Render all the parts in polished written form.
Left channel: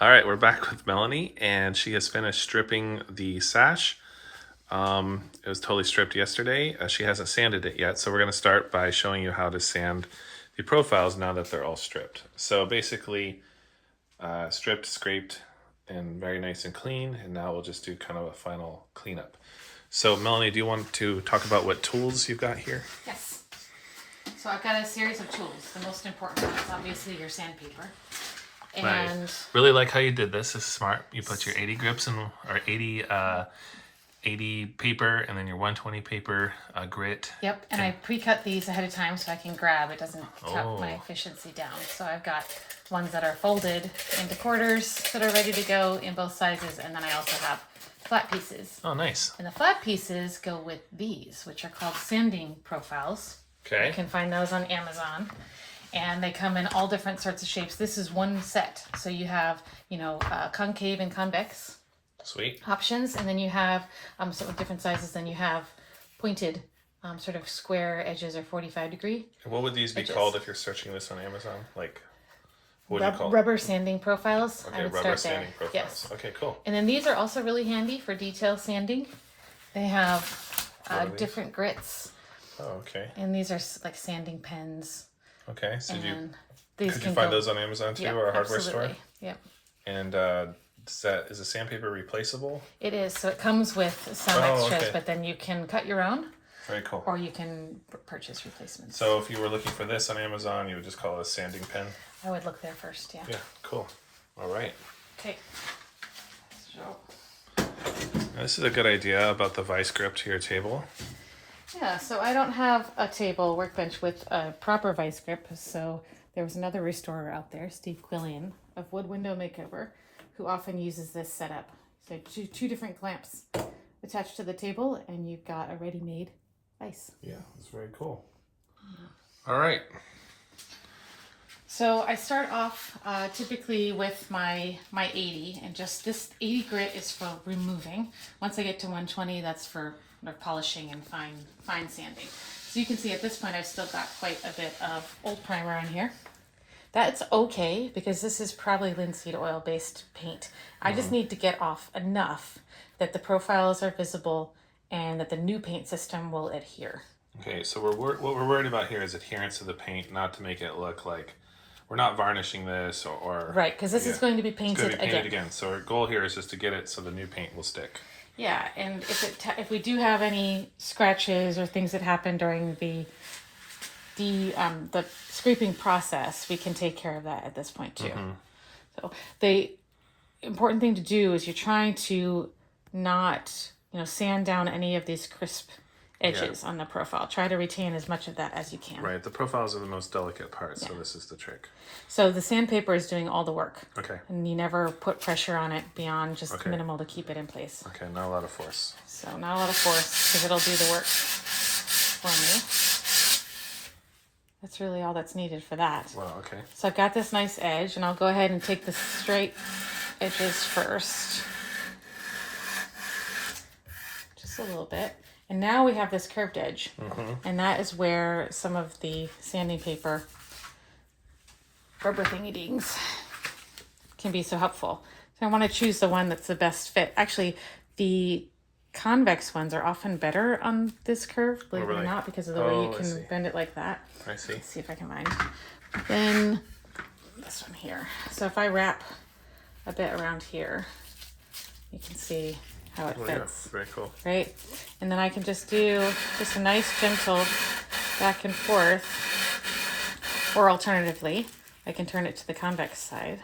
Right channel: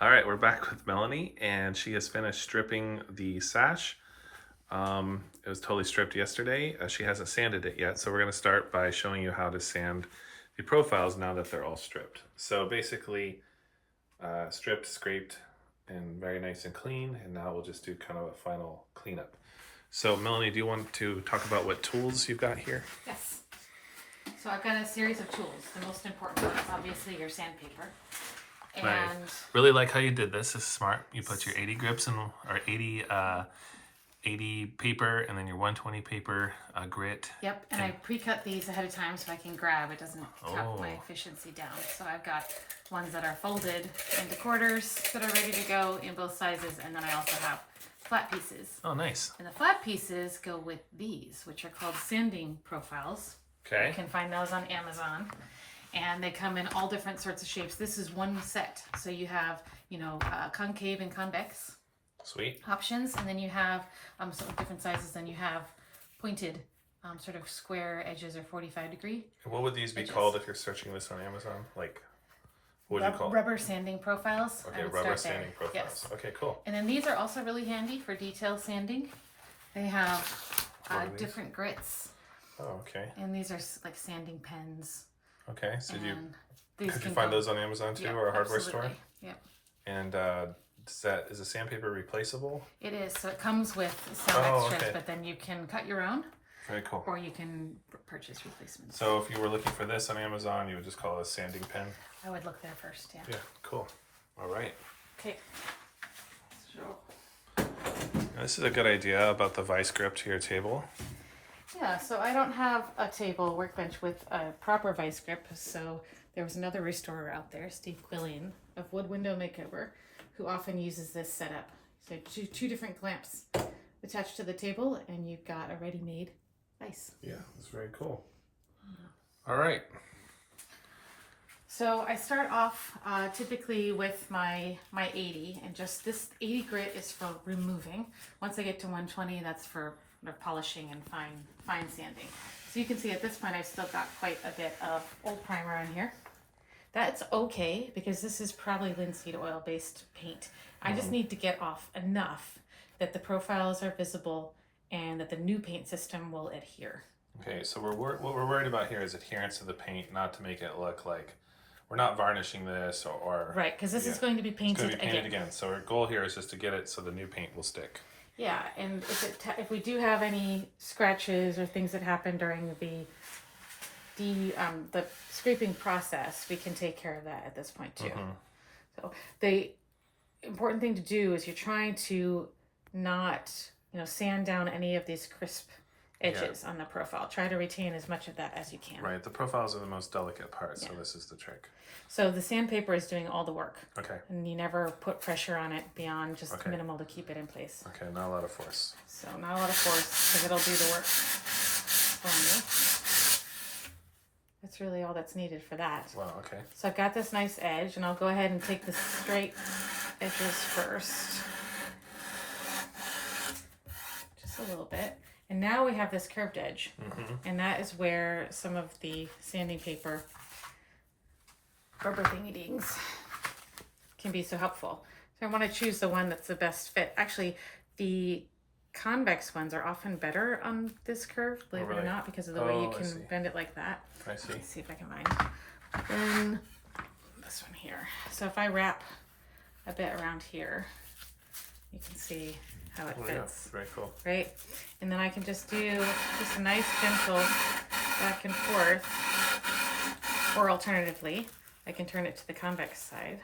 All right, we're back with Melanie, and she has finished stripping the sash. It was totally stripped yesterday. She hasn't sanded it yet, so we're going to start by showing you how to sand the profiles now that they're all stripped. So basically, stripped, scraped, and very nice and clean, and now we'll just do kind of a final cleanup. So Melanie, do you want to talk about what tools you've got here? Yes. So I've got a series of tools. The most important one is obviously your sandpaper. And I really like how you did this. This is smart. You put your 80 grips in, or 80 paper, and then your 120 paper grit. Yep, and I pre-cut these ahead of time so I can grab. It doesn't cut my Oh. efficiency down. So I've got ones that are folded into quarters that are ready to go in both sizes, and then I also have flat pieces. Oh, nice. And the flat pieces go with these, which are called sanding profiles. Okay. You can find those on Amazon. And they come in all different sorts of shapes. This is one set. So you have, concave and convex Sweet. options. And then you have some different sizes. Then you have pointed sort of square edges or 45 degree. And what would these be edges. called if you're searching this on Amazon? Like, what would you call it? Rubber sanding profiles. Okay, rubber sanding profiles. Yes. Okay, cool. And then these are also really handy for detail sanding. They have What are these? different grits. Oh, okay. And these are like sanding pens. Okay, so And could you can find go- those on Amazon too, Yeah, or a hardware absolutely. store? Yep. And is the sandpaper replaceable? It is. So it comes with some Oh, extras, okay. but then you can cut your own Very cool. or you can purchase replacements. So if you were looking for this on Amazon, you would just call it a sanding pen? I would look there first, yeah. Yeah, cool. All right. Okay. Now, this is a good idea about the vice grip to your table. Yeah, so I don't have a table workbench with a proper vice grip, so there was another restorer out there, Steve Quillian of Wood Window Makeover, who often uses this setup. So two different clamps attached to the table, and you've got a ready-made vice. Yeah, that's very cool. All right. So I start off typically with my 80, and just this 80 grit is for removing. Once I get to 120, that's for polishing and fine sanding. So you can see at this point I've still got quite a bit of old primer on here. That's okay because this is probably linseed oil based paint. I just need to get off enough that the profiles are visible and that the new paint system will adhere. Okay, so what we're worried about here is adherence to the paint, not to make it look like we're not varnishing this or Right, because this is going to be it's painted, going to be painted again. So our goal here is just to get it so the new paint will stick. Yeah, and if we do have any scratches or things that happen during the scraping process, we can take care of that at this point too. So the important thing to do is you're trying to not sand down any of these crisp edges on the profile. Try to retain as much of that as you can. Right, the profiles are the most delicate part, so this is the trick. So the sandpaper is doing all the work. Okay. And you never put pressure on it beyond just minimal to keep it in place. Okay, not a lot of force. So not a lot of force because it'll do the work for me. That's really all that's needed for that. Wow, okay. So I've got this nice edge, and I'll go ahead and take the straight edges first. Just a little bit. And now we have this curved edge. And that is where some of the sanding paper rubber thingy-dings can be so helpful. So I want to choose the one that's the best fit. Actually, the convex ones are often better on this curve, believe it or not, because of the way you can bend it like that. I see. Let's see if I can find. Then this one here. So if I wrap a bit around here, you can see how it Oh, yeah, fits. very cool. Right? And then I can just do just a nice gentle back and forth. Or alternatively, I can turn it to the convex side,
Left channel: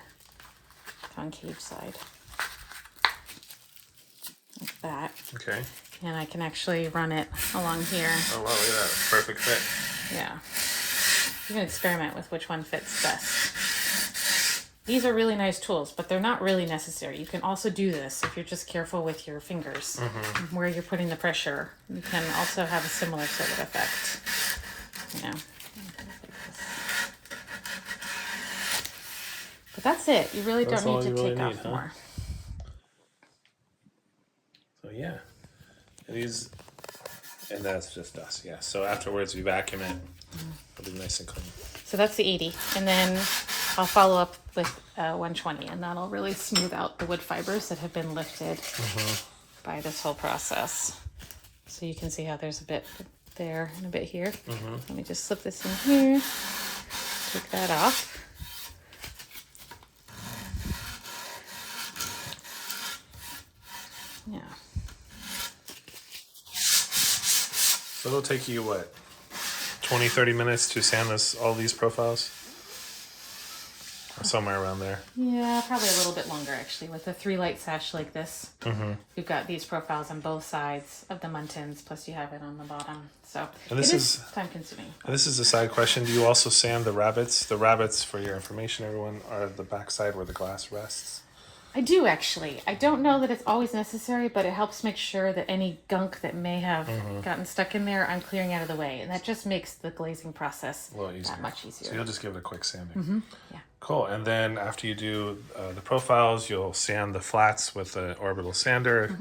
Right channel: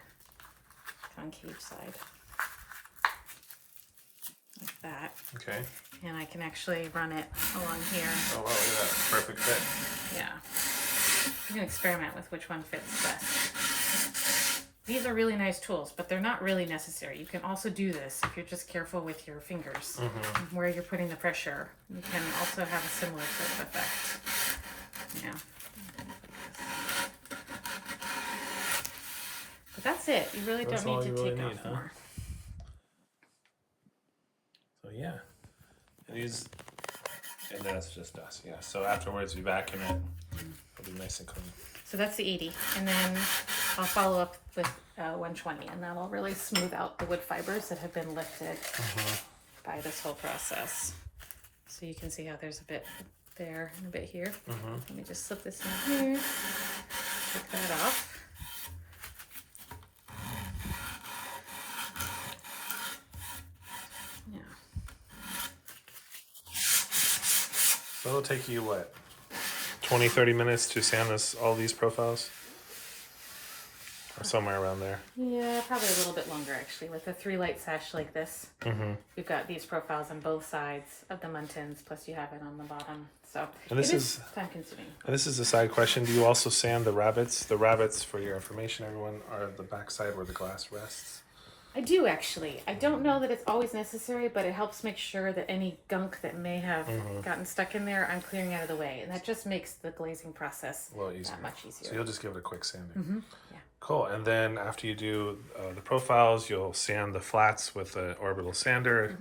concave side, like that. Okay. And I can actually run it along here. Oh, wow, look at that. Perfect fit. Yeah. You can experiment with which one fits best. These are really nice tools, but they're not really necessary. You can also do this if you're just careful with your fingers, where you're putting the pressure. You can also have a similar sort of effect. Yeah. But that's it. You really That's don't all need you to really take need, off huh? more. So yeah, and that's just us. Yeah. So afterwards, we vacuum it. It'll be nice and clean. So that's the 80. And then I'll follow up with 120, and that'll really smooth out the wood fibers that have been lifted by this whole process. So you can see how there's a bit there and a bit here. Let me just slip this in here, take that off. Yeah. So it'll take you what, 20-30 minutes to sand all these profiles? Or somewhere around there. Yeah, probably a little bit longer actually. With a 3-light sash like this, you've got these profiles on both sides of the muntins, plus you have it on the bottom. So And this it is time consuming. And this is a side question. Do you also sand the rabbets? The rabbets, for your information, everyone, are the backside where the glass rests. I do actually. I don't know that it's always necessary, but it helps make sure that any gunk that may have gotten stuck in there, I'm clearing out of the way. And that just makes the glazing process A little easier. that much easier. So you'll just give it a quick sanding. Yeah. Cool. And then after you do the profiles, you'll sand the flats with the orbital sander,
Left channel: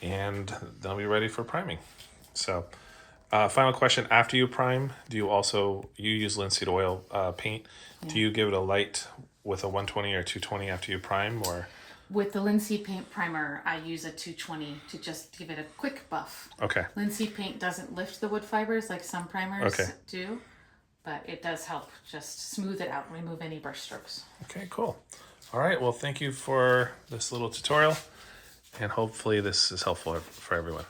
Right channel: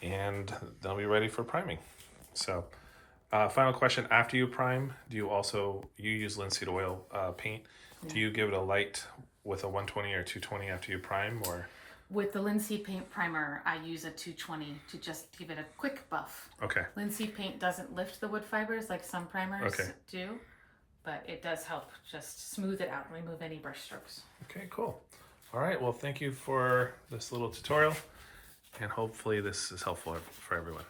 and they'll be ready for priming. So, final question: after you prime, do you use linseed oil paint? Do you give it a light with a 120 or 220 after you prime, or? With the linseed paint primer, I use a 220 to just give it a quick buff. Okay. Linseed paint doesn't lift the wood fibers like some primers do, but it does help just smooth it out, remove any brush strokes. Okay, cool. All right, well, thank you for this little tutorial, and hopefully this is helpful for everyone.